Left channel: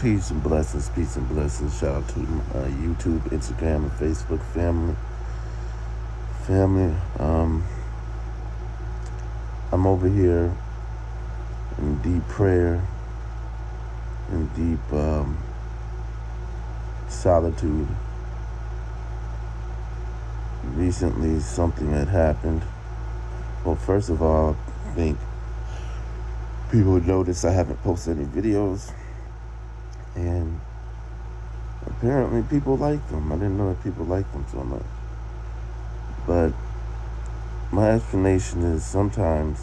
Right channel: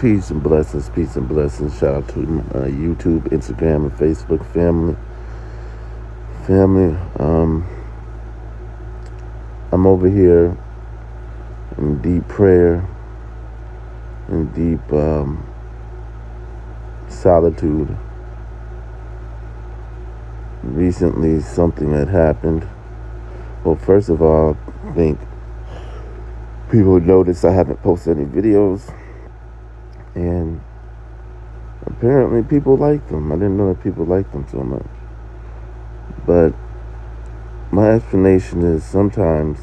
Peace and blessings, peace and blessings. Shout out to YouTube, Instagram, and Facebook family. I'm over here in deep prayer, in deep solitude. Recently, something had happened. Well, first of all, I think people noticed I haven't posted any videos, and apparently people like them. I didn't know that people like them so much. But my explanation is sometimes,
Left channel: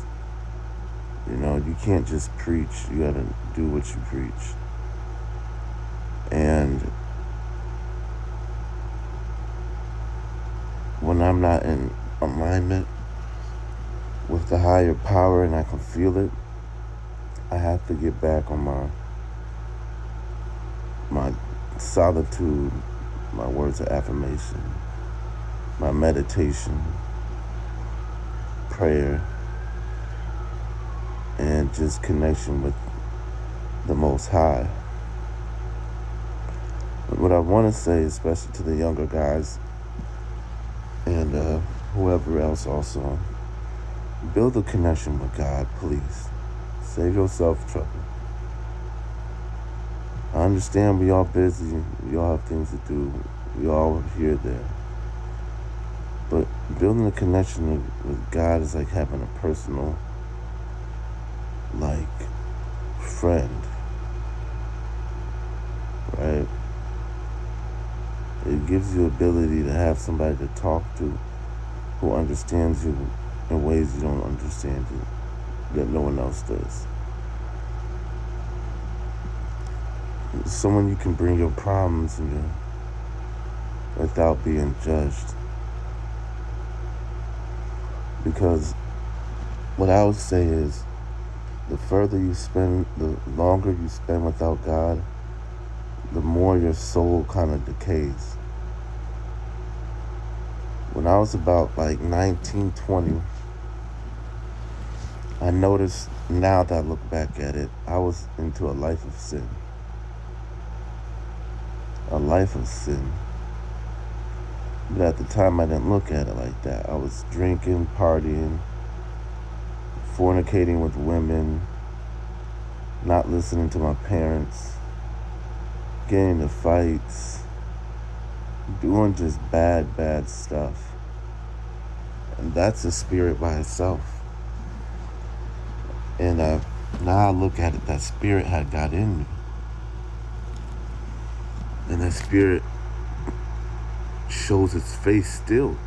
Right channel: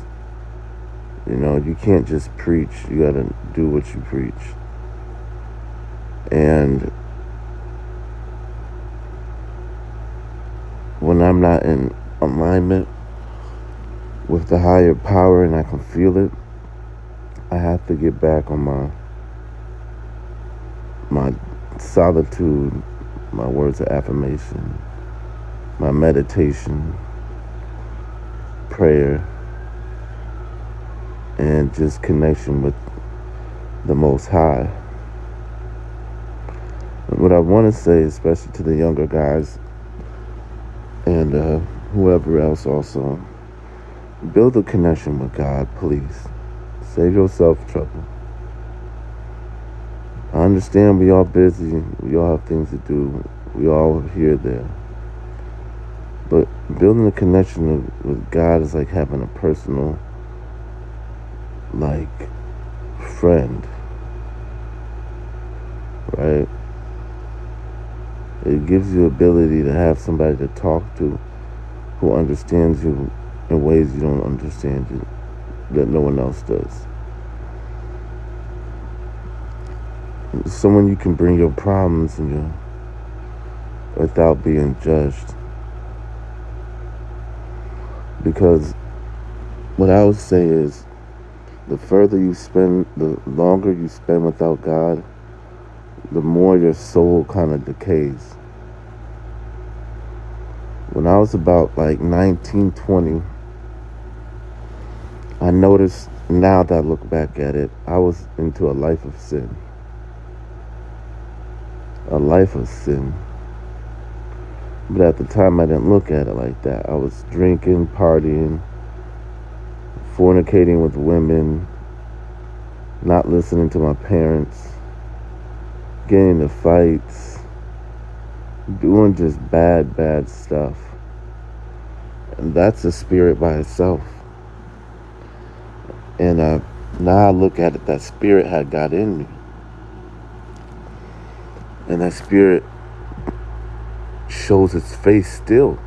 you can't just preach. You gotta do what you preach. And when I'm not in alignment with the higher power and I can feel it, I have to get back on my solitude, my words of affirmation, my meditation, prayer, and just connection with the Most High. What I want to say, especially to the younger guys and whoever else also, build a connection with God, please. Save yourself trouble. I understand we all busy, we all have things to do, we all here there. But building a connection with God is like having a personal, friend, right? It gives you the ability to have somebody to talk to who understands you in ways you don't understand you, that no one else does. Someone you can bring your problems to without being judged. Because what I would say is, the longer you spend without God, the more your soul kind of decays. When I was about 19, 20, I noticed, now that I look back at it, I was into a life of sin. A life of sin. But at the time, I didn't look at it like that. I was drinking, partying, fornicating with women, not listening to my parents, getting into fights, doing just bad stuff. And that's a spirit by itself. And now I look at it, that spirit had got in me. And that spirit shows its face still.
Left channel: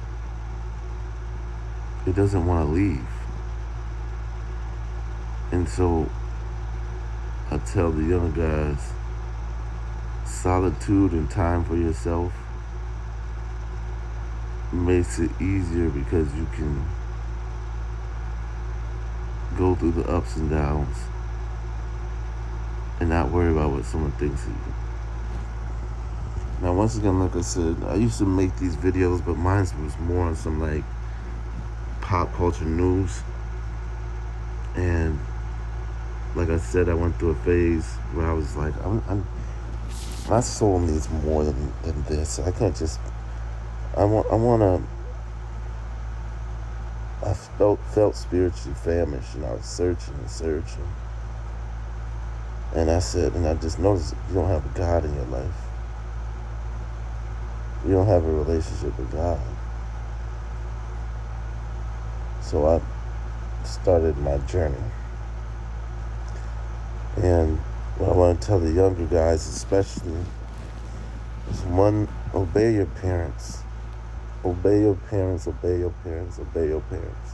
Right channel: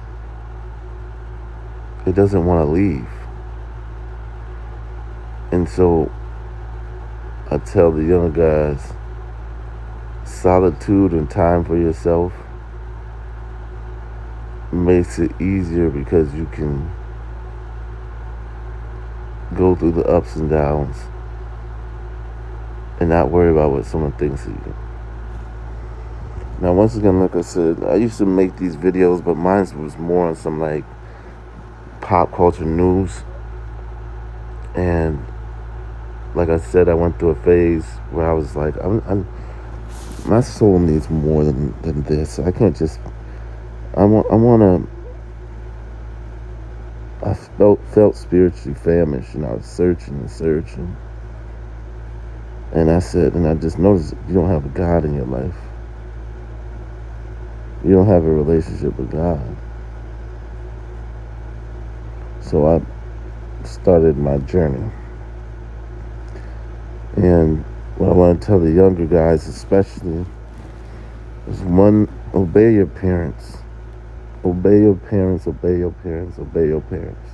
It doesn't want to leave. And so I tell the younger guys, solitude and time for yourself makes it easier because you can go through the ups and downs and not worry about what someone thinks of you. Now, once again, like I said, I used to make these videos, but mine was more on some pop culture news. And like I said, I went through a phase where I was like, my soul needs more than this. I can't just. I felt spiritually famished, and I was searching. And I said, and I just noticed, you don't have a God in your life. You don't have a relationship with God. So I started my journey. And what I want to tell the younger guys especially is, one, obey your parents. Obey your parents, obey your parents, obey your parents.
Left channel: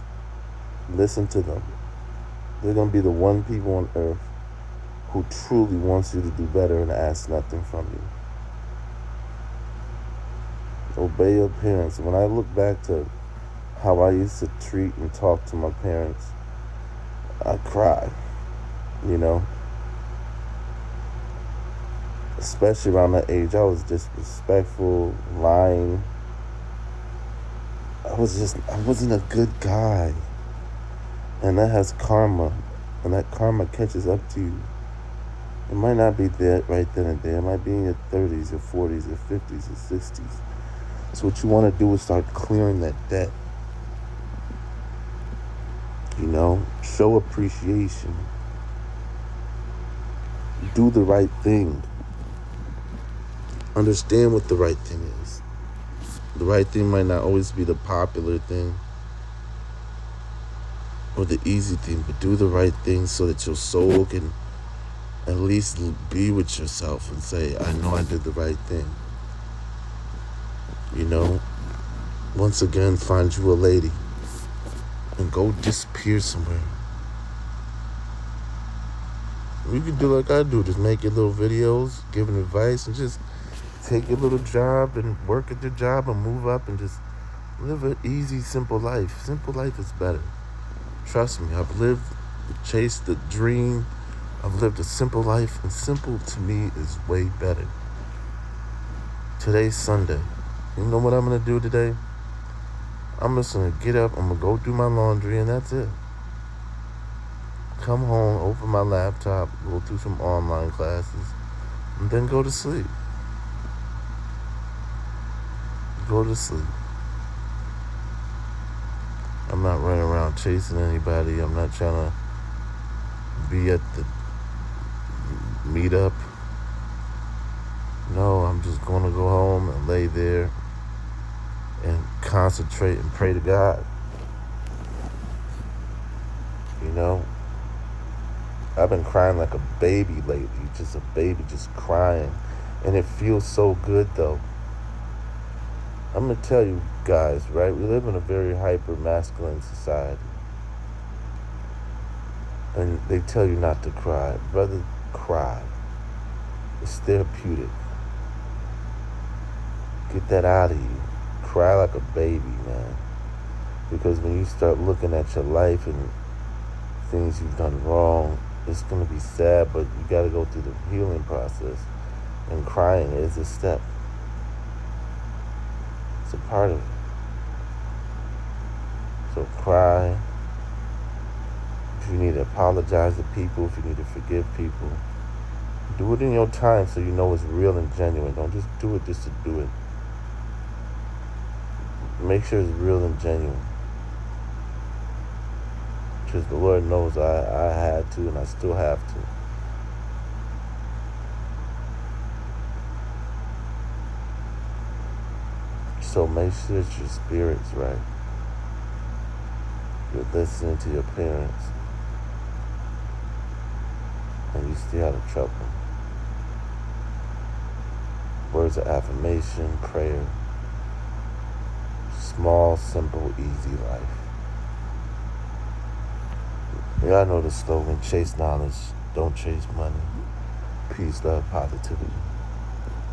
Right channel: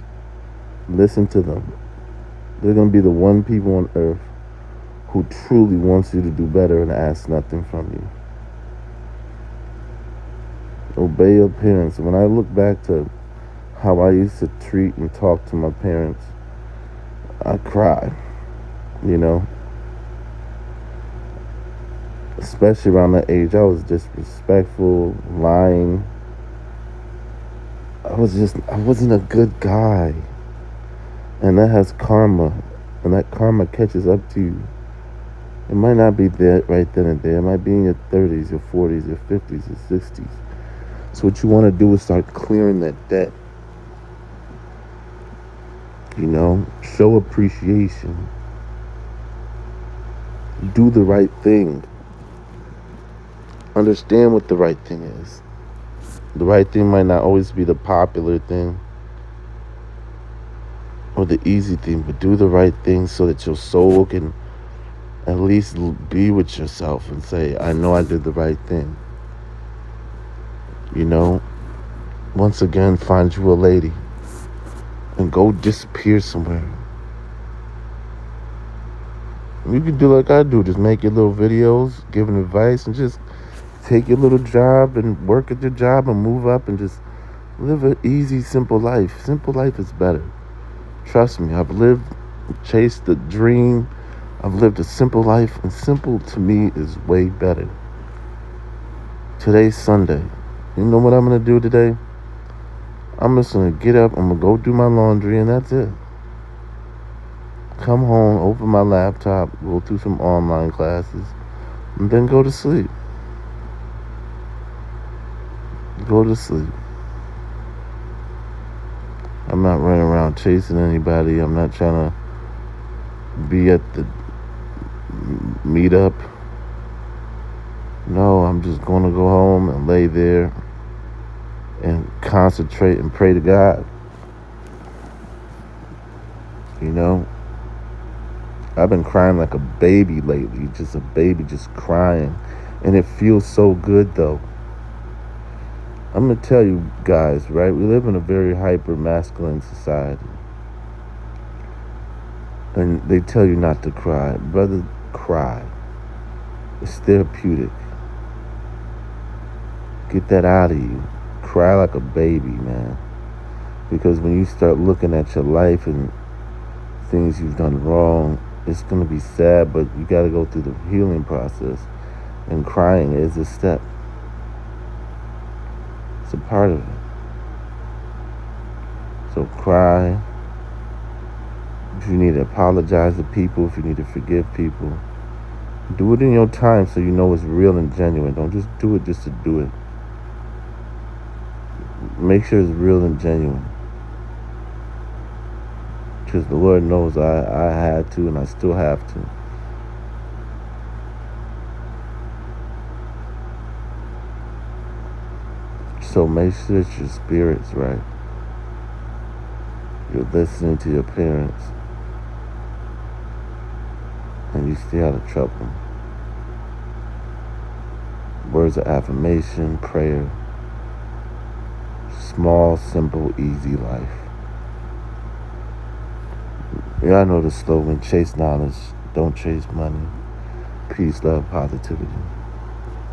Listen to them. They're going to be the one people on earth who truly wants you to do better and ask nothing from you. Obey your parents. When I look back to how I used to treat and talk to my parents, I cry, Especially around that age, I was disrespectful, lying. I wasn't a good guy. And that has karma. And that karma catches up to you. It might not be there right then and there. It might be in your 30s, your 40s, your 50s, your 60s. So what you want to do is start clearing that debt. Show appreciation. Do the right thing. Understand what the right thing is. The right thing might not always be the popular thing or the easy thing, but do the right thing so that your soul can at least be with yourself and say, I know I did the right thing. Once again, find you a lady and go disappear somewhere. You can do like I do, just make your little videos, giving advice, and just take your little job and work at your job and move up and just live an easy, simple life. Simple life is better. Trust me, I've chased the dream. I've lived a simple life, and simple to me is way better. Today's Sunday. You know what I'm going to do today? I'm just going to get up, I'm going to go do my laundry, and that's it. Come home, open my laptop, go through some online classes, and then go to sleep. Go to sleep. I'm not running around chasing anybody. I'm not trying to be at the meetup. No, I'm just going to go home and lay there and concentrate and pray to God. I've been crying like a baby lately, just a baby just crying. And it feels so good, though. I'm going to tell you guys, right? We live in a very hyper-masculine society. And they tell you not to cry. Brother, cry. It's therapeutic. Get that out of you. Cry like a baby, man. Because when you start looking at your life and things you've done wrong, it's going to be sad, but you got to go through the healing process. And crying is a step. It's a part of it. So cry. If you need to apologize to people, if you need to forgive people, do it in your time so you know it's real and genuine. Don't just do it just to do it. Make sure it's real and genuine. Because the Lord knows I had to, and I still have to. So make sure that your spirit's right. You're listening to your parents. And you stay out of trouble. Words of affirmation, prayer. Small, simple, easy life. Yeah, I know the slogan, chase knowledge, don't chase money. Peace, love, positivity.